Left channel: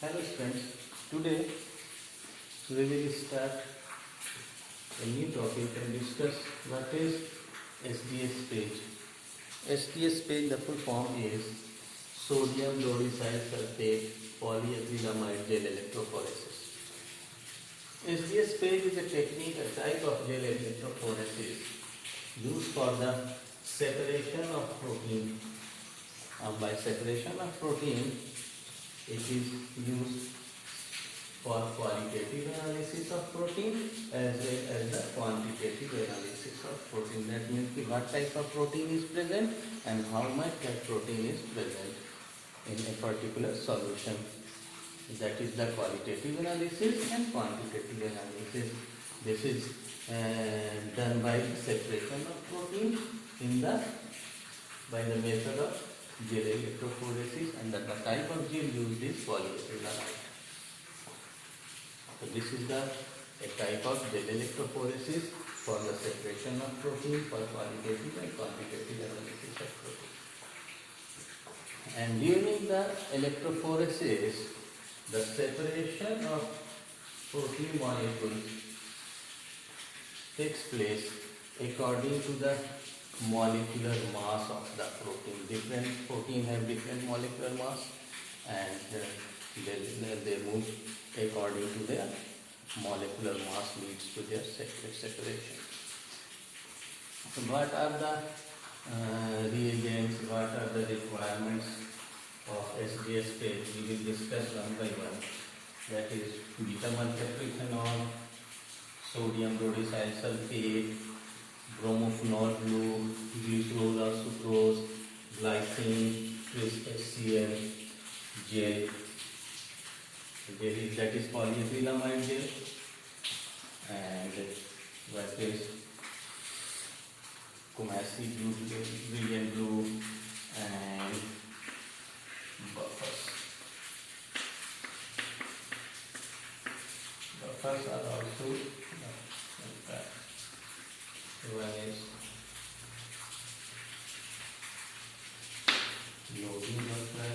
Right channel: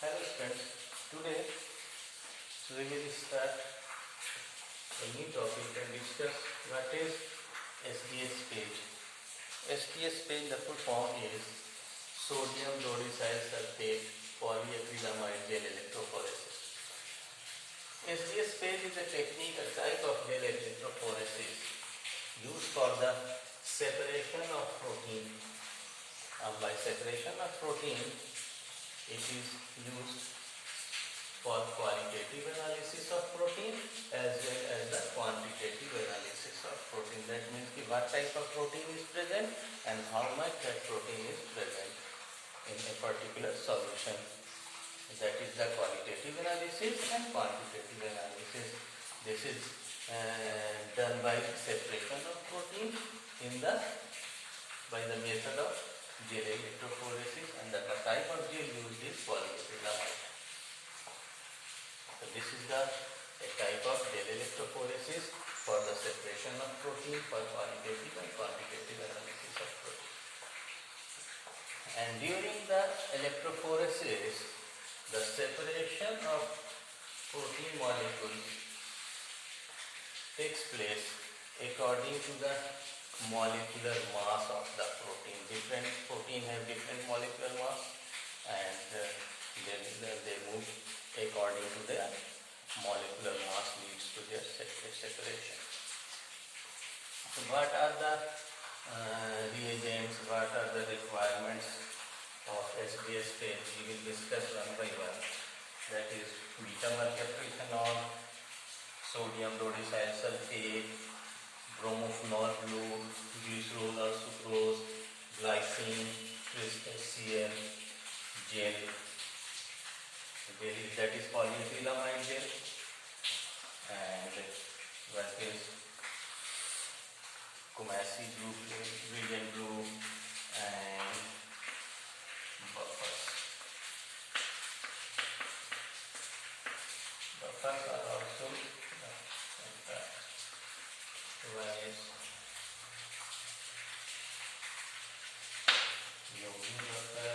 Hello friends, today we will start a new topic and discuss what is SDS page. SDS page, the full form is sodium rhodocyl sulfate polyacrylamide gel electrophoresis. SDS page is a technique, a type of gel electrophoresis used for the separation of protein. By separation of protein, it is used for qualitative analysis of protein as well as the quantitative analysis of protein. That means what type of protein is present and how much that protein is present in a particular solution. That is the qualitative analysis and quantitative analysis. This is done by separation of protein by the method of gel electrophoresis, and the type of gel used is polyacrylamide. So this is a type of gel electrophoresis for the separation of protein for qualitative and quantitative analysis of protein. And during the electrophoresis, the separation of protein molecules takes place according to the molecular mass of the protein. Different protein have different molecular mass, and they move according to their molecular mass leads to their separation. So what are the reagents, what are the requirements of SDS page? We will discuss one by one. That is beta-maltodextrinol, sodium rhodocyl sulfate, bromophenol blue, glycerol or sucrose, glycine, HCl, gel. That is polyacrylamide gel. And what is Kumasi blue, brilliant blue, and buffers. Buffers are also one is loading buffer,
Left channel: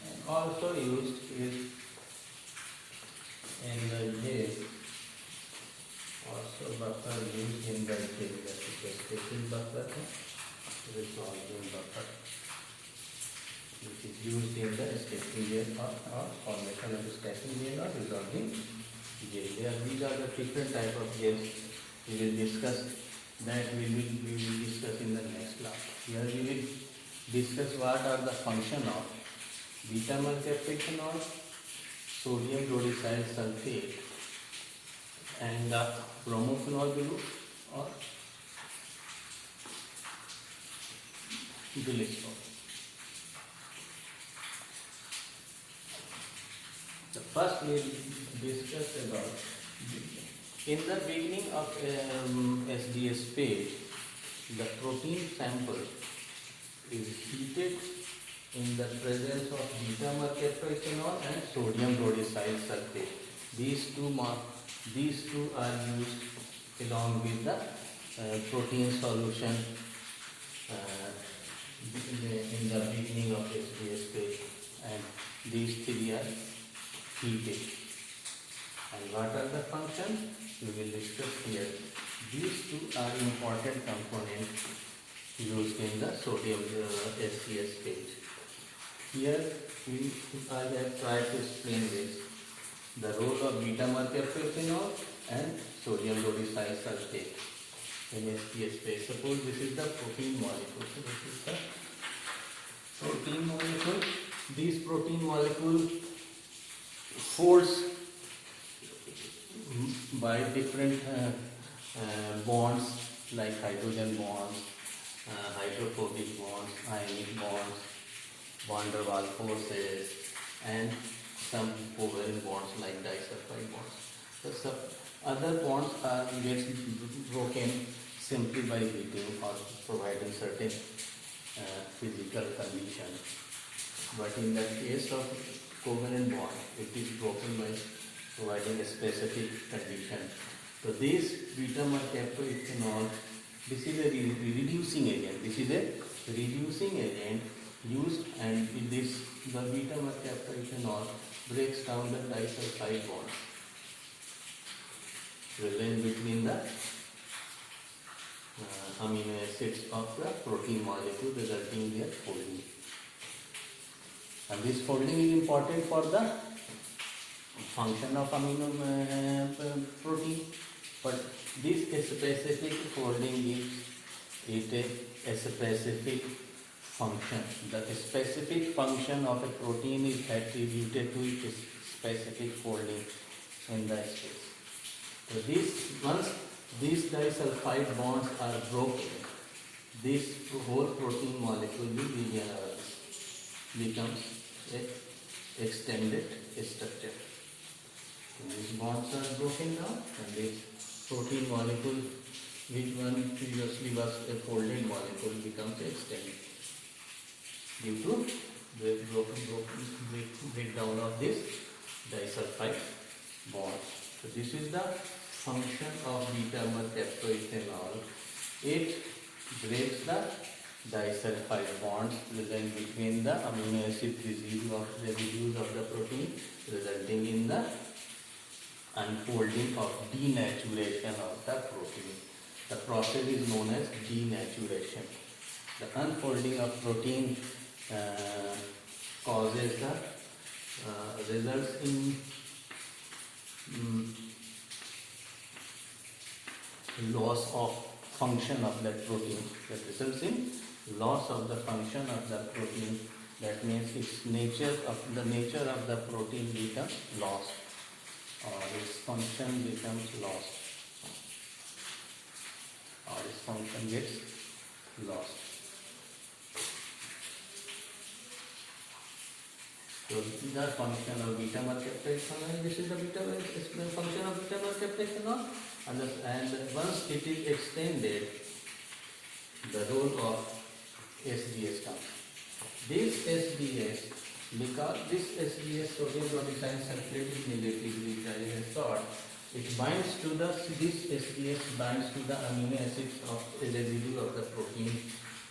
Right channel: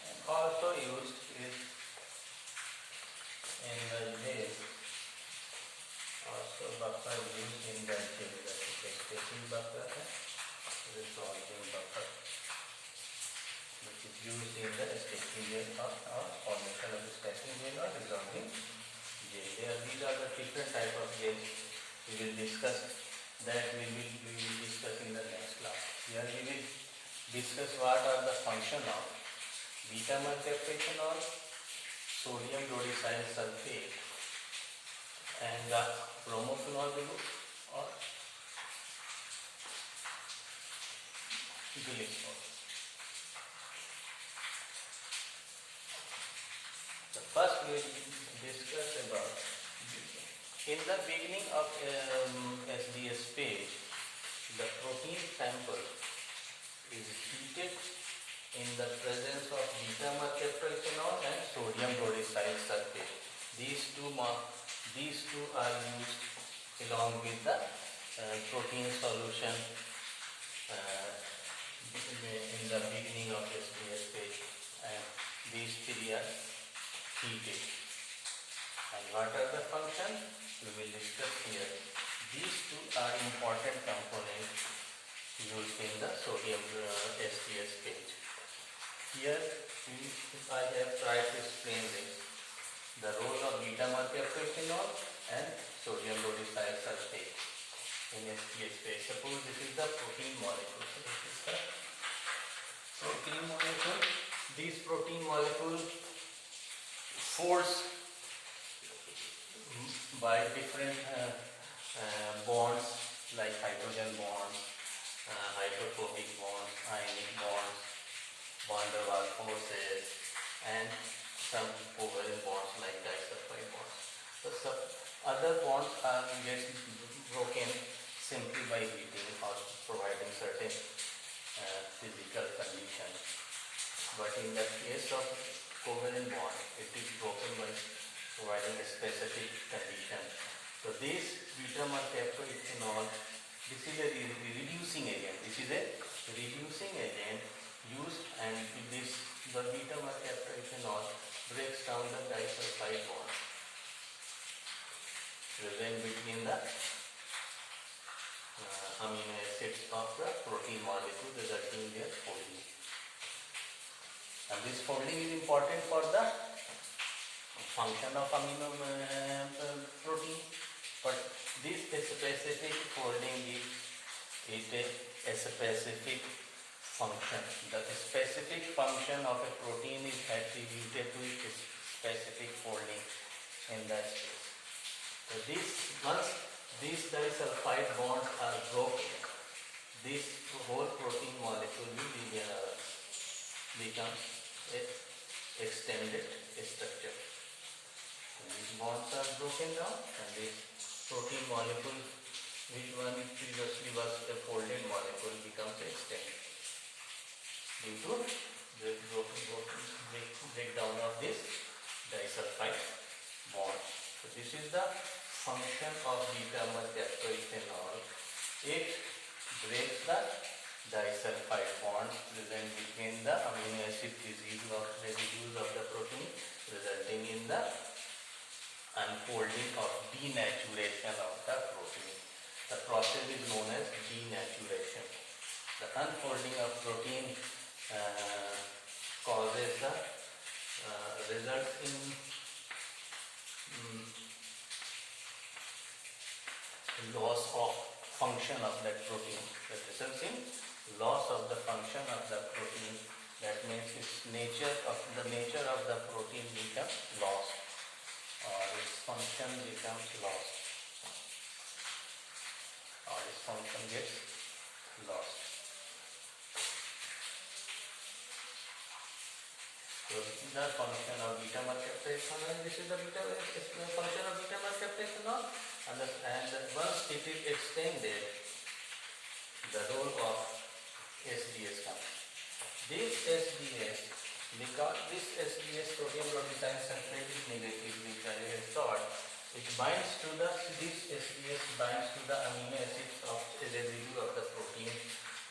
and also used is in the gel. Also buffer used in the gel, that is the stacking buffer, resolving buffer, which is used in the stacking gel or formation of stacking gel or resolving gel. These are the different type of gels. We will discuss that. We will discuss in the next class. Here we will discuss what are the function of beta-maltodextrinol, sodium rhodocyl sulfate, and the bromophenol blue or glycerol. The first we will discuss about, in the beginning of SDS page, the protein sample is heated in the presence of beta-maltodextrinol and sodium rhodocyl sulfate. These two are used along with the protein solution in the beginning of SDS page, and these three are heated. And what are the functions? We will discuss here. These two are important components used in the sodium SDS page. Here I have tried to explain this. The role of beta-maltodextrinol and sodium rhodocyl sulfate in SDS page. Suppose this is the protein molecule. So this is the protein molecule. These protein molecules folds by different bonds like hydrogen bonds, hydrophobic bonds, ionic bonds, van der Waals forces, and some covalent bonds like disulfide bonds. So other bonds are broken simply by heating or providing certain physical conditions. But in the case of covalent bond, it is broken by providing a specific condition So this beta-mercaptoethanol, this is a reducing agent. This is a reducing agent used, and this the beta-mercaptoethanol breaks down the disulfide bond present between the amino acids of the protein molecule, resulting in their folding. And this folding is important for the function of amino protein, but this specific folding gives it a specific function. The specific function of a protein is attributed to its specific folding in the space. So once these disulfide bonds are broken, this whole protein molecule will becomes an extended structure. So these bonds are broken down, and this protein molecule, which one previously was a folded molecule, becomes extended due to the breakdown of this disulfide bond. So this is the function of beta-mercaptoethanol. It breaks the disulfide bonds present between the amino acid residues of the protein, resulting in the unfolding of denaturation of the protein. The process is known as denaturation. The unfolding of protein causes the results in loss of function of that protein. That results in loss of the function of the protein. That means its nature of the protein becomes lost, or its function becomes lost, or its function gets lost. So the function of beta-mercaptoethanol. This is the function of beta-mercaptoethanol, and once it is extended, the role of SDS comes. This SDS, because this SDS, sodium dodecyl sulfate, is negatively charged, it binds to this SDS binds to the amino acids of a residue of the protein.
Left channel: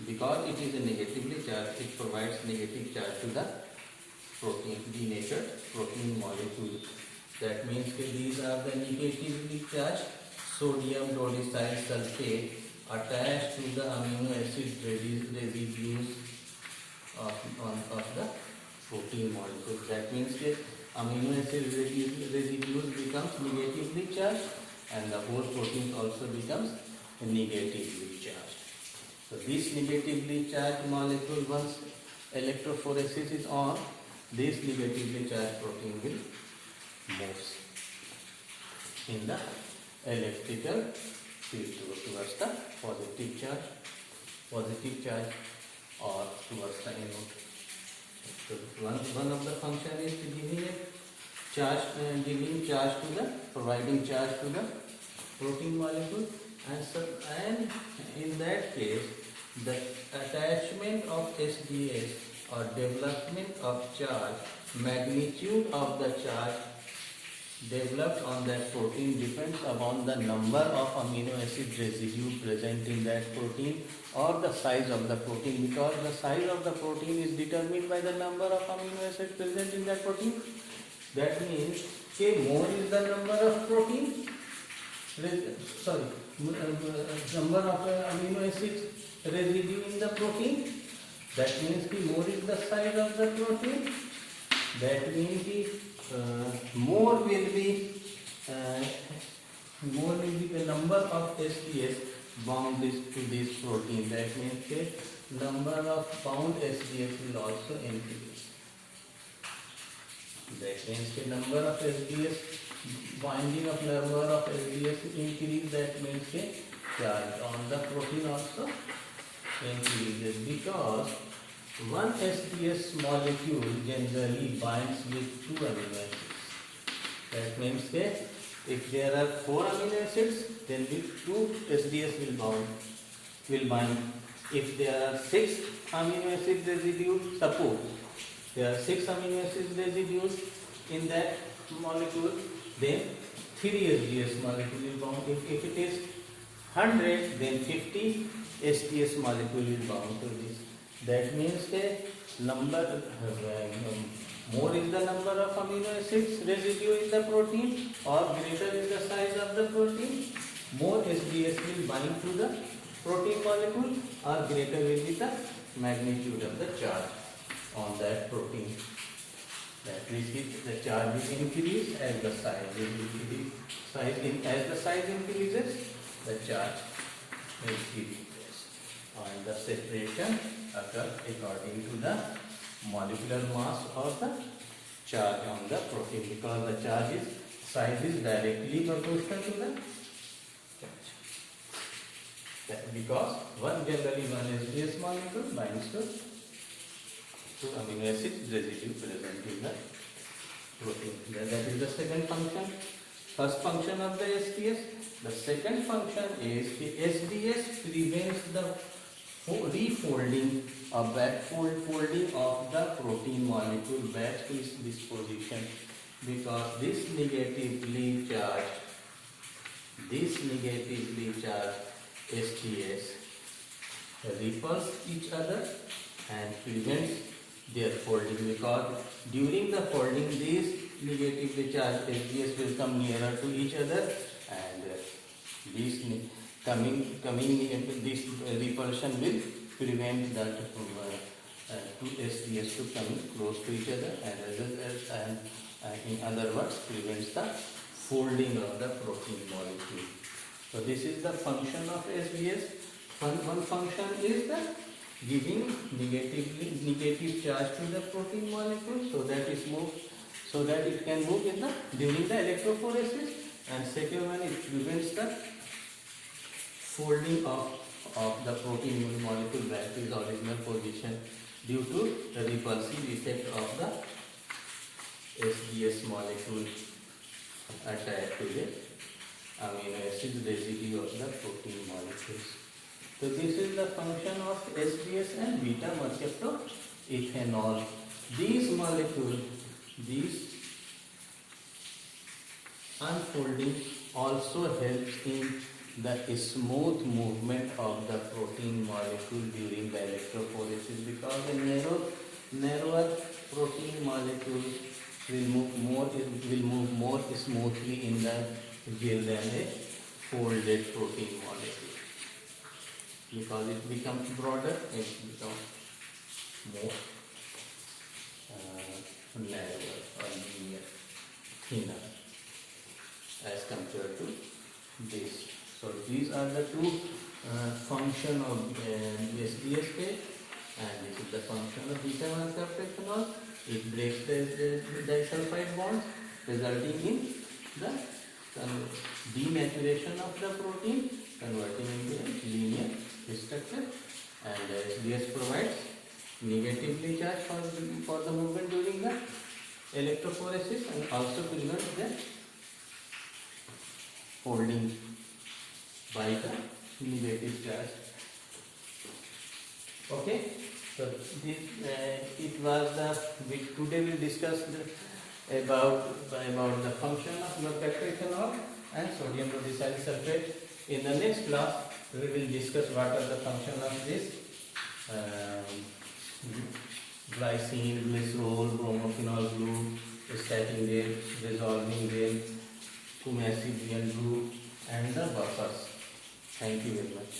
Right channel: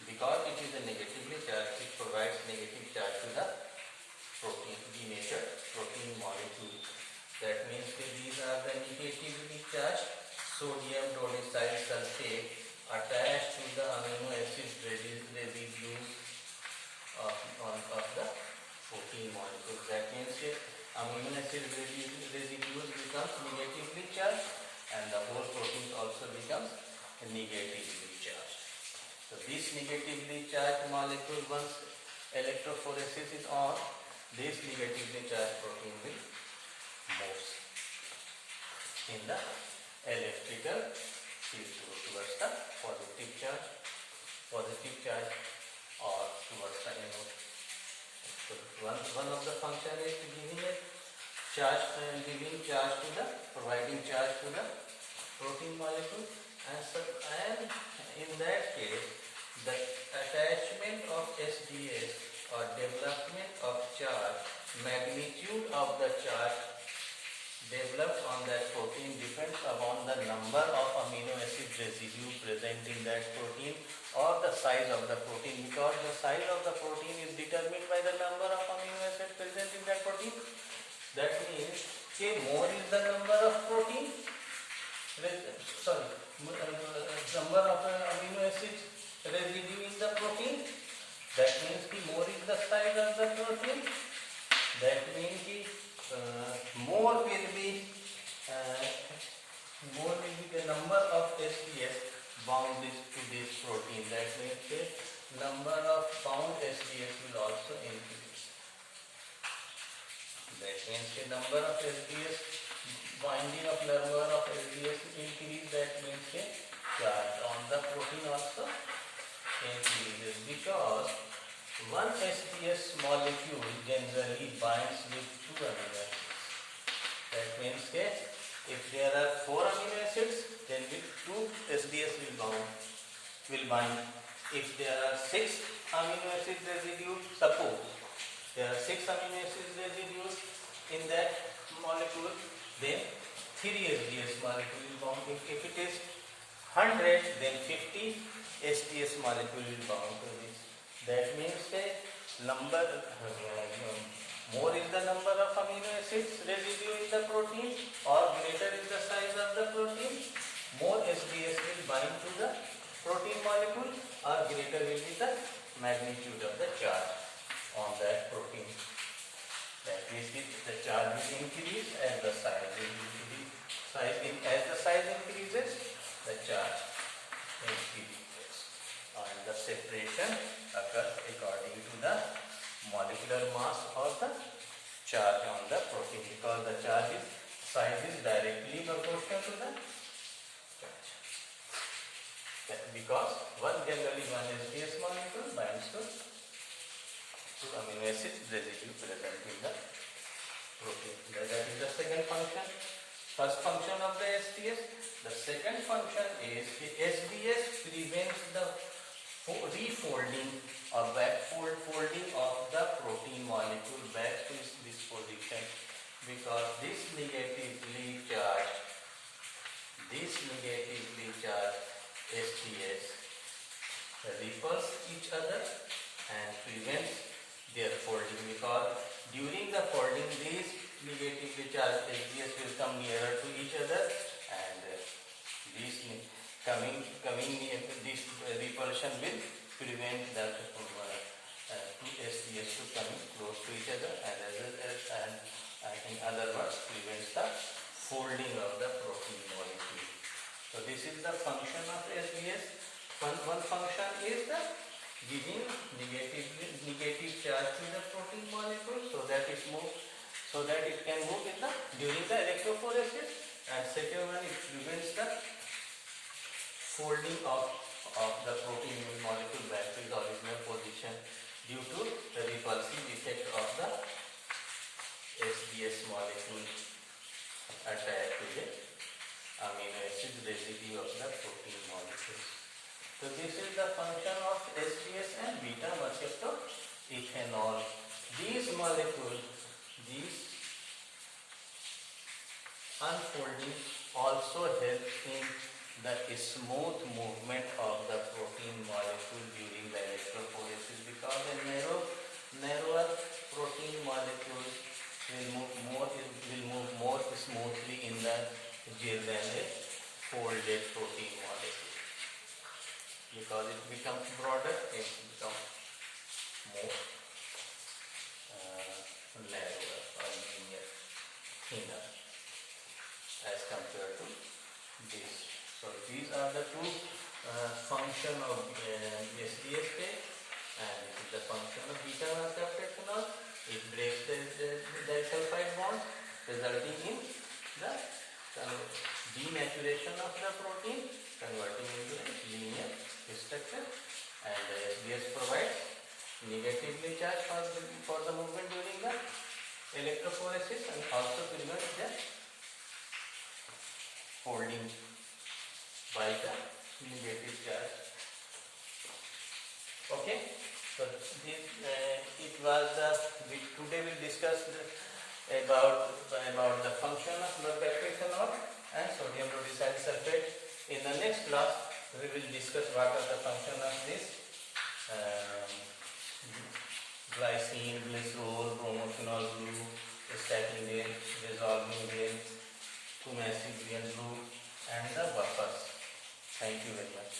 Because it is a negatively charged, it provides negative charge to the protein, denatured protein molecule. That means that these are the negatively charged sodium dodecyl sulfate attached to the amino acid residues of the protein molecule. That means that amino acid residues becomes negatively charged, and the whole protein also becomes negatively charged. So this negatively charged molecule, once electrophoresis is on, this negatively charged protein will move in the electrical field towards the positive charge or towards the anode. So one of the function is giving a charge, providing charge to the protein molecule, and in that case, the attachment of SDS or development of charge, magnitude of the charge developed on that protein depends upon the number of amino acid residue present in that protein or the size of the protein, because the size of the protein is determined by the number of amino acids present in that protein. That means more is the number of protein, number of amino acids residue in the protein. That means more is the size of the protein. That means more will be the number of SDS bound to this protein. That means the number of bound SDS will also increase. That means the number of SDS, binding of number of SDS increase. That means the charge on the protein also increases, because one SDS molecule generally binds with 2 amino acids. That means if there are 4 amino acids, then with 2 SDS will bind. If there are 6 amino acid residues, suppose there are 6 amino acid residues in that molecule, then 3 SDS molecule will bound. If it is 100, then 50 SDS molecule will bound to this. That means the number, more is the number of amino acids residue in the protein or greater is the size of the protein, more SDS will bind to the protein molecule or greater will be the magnitude of the charge on that protein. That means the charge will increase as the size will increase. As the size increases, the charge increases. And the separation occurs according to the molecular mass of the charge on the protein, because the size is directly proportional to the charge. Because generally one SDS molecule binds to amino acid residue present in the protein. That is the second function. First function of the SDS. The second function is the SDS prevents the refolding or folding of the protein molecule back to its disposition, because this negatively charged SDS repulse each other and prevents their folding, because during the folding these negatively charged SDS will come nearer to each other, and this repulsion will prevent that two SDS to come close to each other, and in other words prevents the folding of the protein molecule. So this is the function of SDS. One function is the giving negative charge to the protein molecule so that it can move during the electrophoresis, and second one, it prevents the folding of the protein molecule back to its original position due to the repulsive effect of the SDS molecule attached to the amino acid residue of the protein molecules. So this is the function of SDS and beta mercaptoethanol. These molecules, these unfolding also helps in the smooth movement of the protein molecule during the electrophoresis, because a narrower protein molecule will move more smoothly in the gel than a folded protein molecule. Because it becomes broader, it becomes more narrower or linear, thinner as compared to this. So these are the two function of SDS page, and this is the function of beta mercaptoethanol. It breaks the disulfide bonds, resulting in the denaturation of the protein, converting into a linear structure, and SDS provides negatively charged for the movement during the electrophoresis, and also prevents the folding by the negative charge. Okay, so this it was today we'll discuss about the function of mercaptoethanol and sodium rhodecyl sulfate. In the next class, we will discuss what are the function of this glycine, glycerol, bromophenol group, stacking gel, resolving gel, Kumasi group, and the buffers. Thank you very much.